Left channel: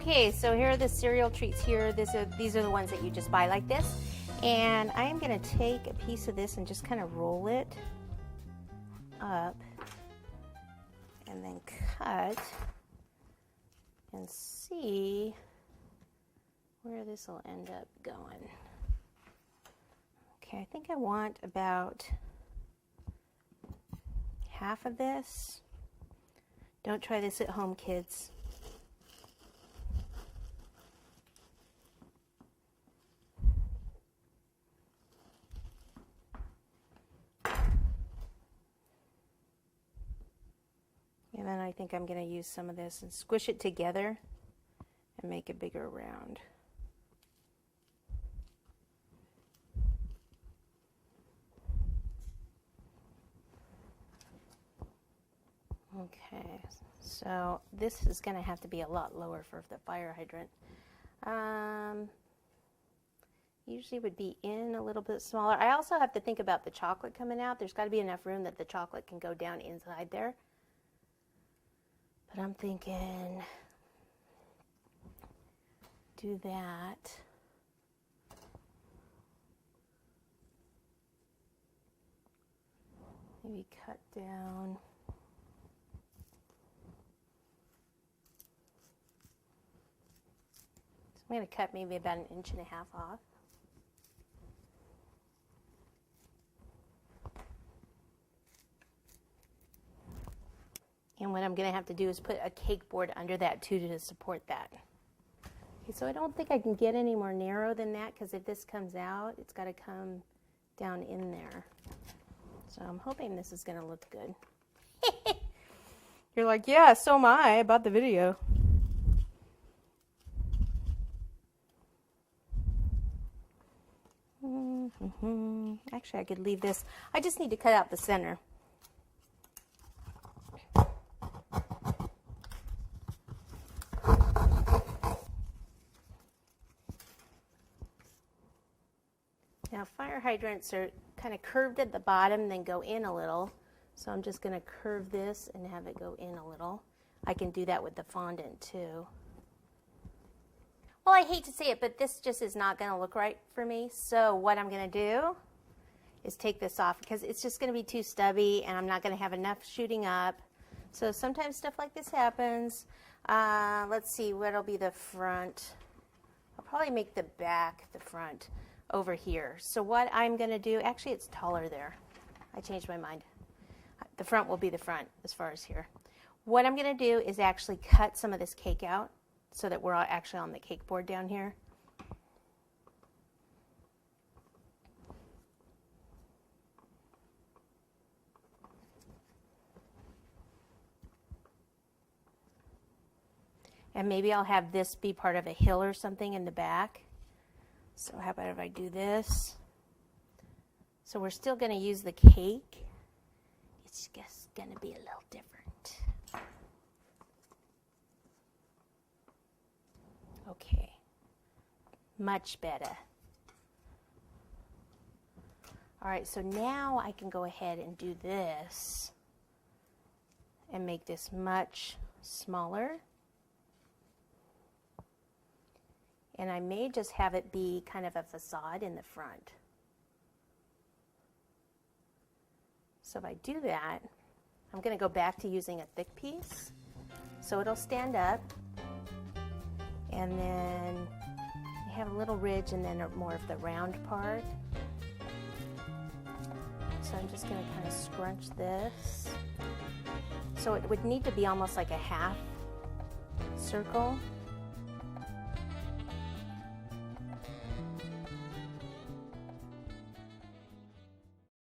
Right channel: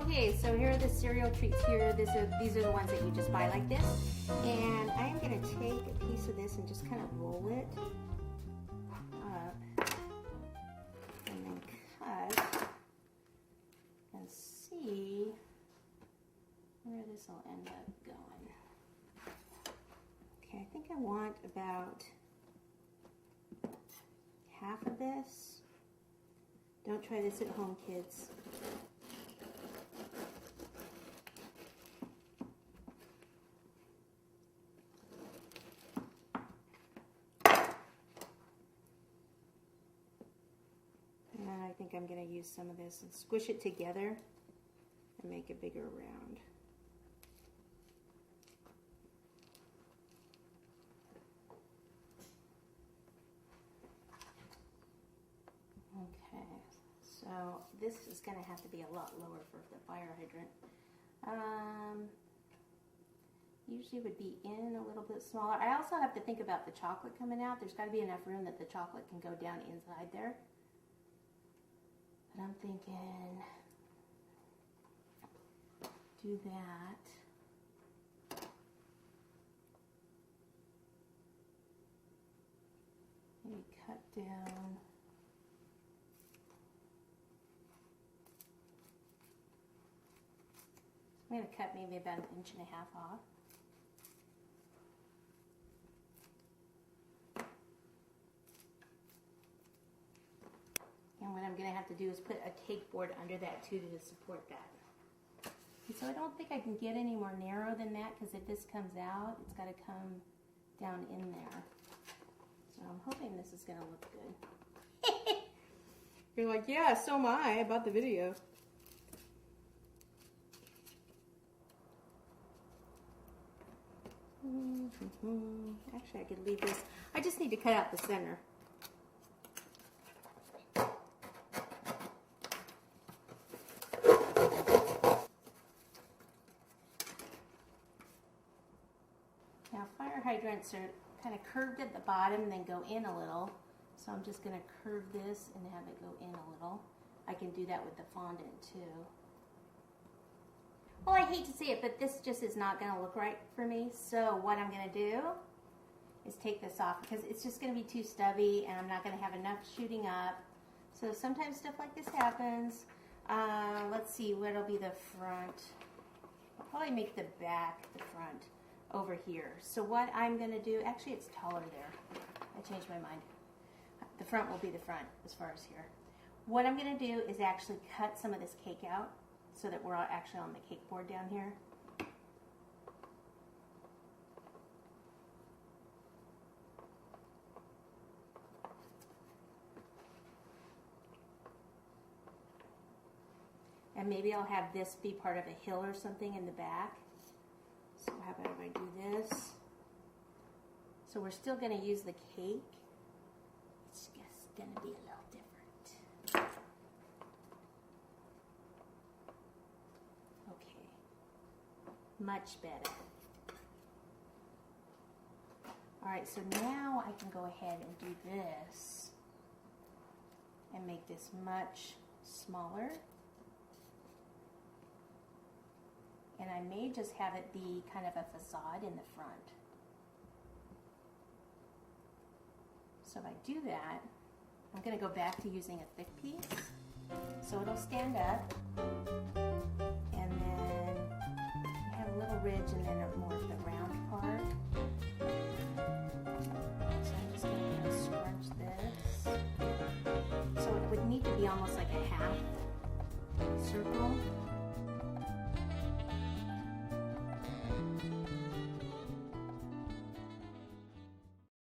Okay, so here are the cereal treats here. These are the ones that you just buy like this. And I'm going to take a piece of this and just kind of roll it up and then cut and see where this will end up going. Okay, I think I want about half of this. Don't try this at home, kids. And then I think I'm going to use some of this and squish it together and make a bigger round. Okay, so this is going to have to be a lot lower for the fire hydrant. Usually would be in a little bit smaller. I also have to think about the chocolate coming out. There's got to be enough room that the chocolate can go down inside there. But I'm thinking, do that. Maybe cut down. So I'm going to cut maybe about 1.5 inches off. And what I'm going to have to do is put a cake board under that too to support that. Okay, so I don't think I can get any more narrow than that, because if this comes out, it's got to come down in there. So I'm hoping this is going to look good. You're like, yeah, so am I about the video. Actually, I could leave this. I just need to cut out the center. Now, fire hydrants are kind of curved at the bottom, then go in a little. So I'm just going to curve this and have it go in a little. I can do that with the fondant too. Well, I hate to say it, but this just is not going to look right for me. So what I'm going to do is take this off, because it's just going to be too stubby and I'm not going to have enough shooting up. So sometimes stuff like this happens. Let's see, what'll be the front? I'll probably make the back the front over here. So what I'm going to do, actually it's taller there. I changed my mind. The front will be the front as far as here. What I'm going to do is actually cut some of this cake out so that we're all actually on the cake board down here. And maybe I'll have this be part of a hill or something in the back. So how about if I do this? So we're still going to use the cake. It's just going to be a little different. Okay. Much better. All right, so now I can go ahead and do this and make this much smaller. And I may just have it be kind of a facade in the front. So if I do that, I'm going to go back to using a thick piece. So it'll stand up. And then I have a little ridge and then more of the round part. So I'm just going to kind of scrunch this. So it would need to be almost like a half circle.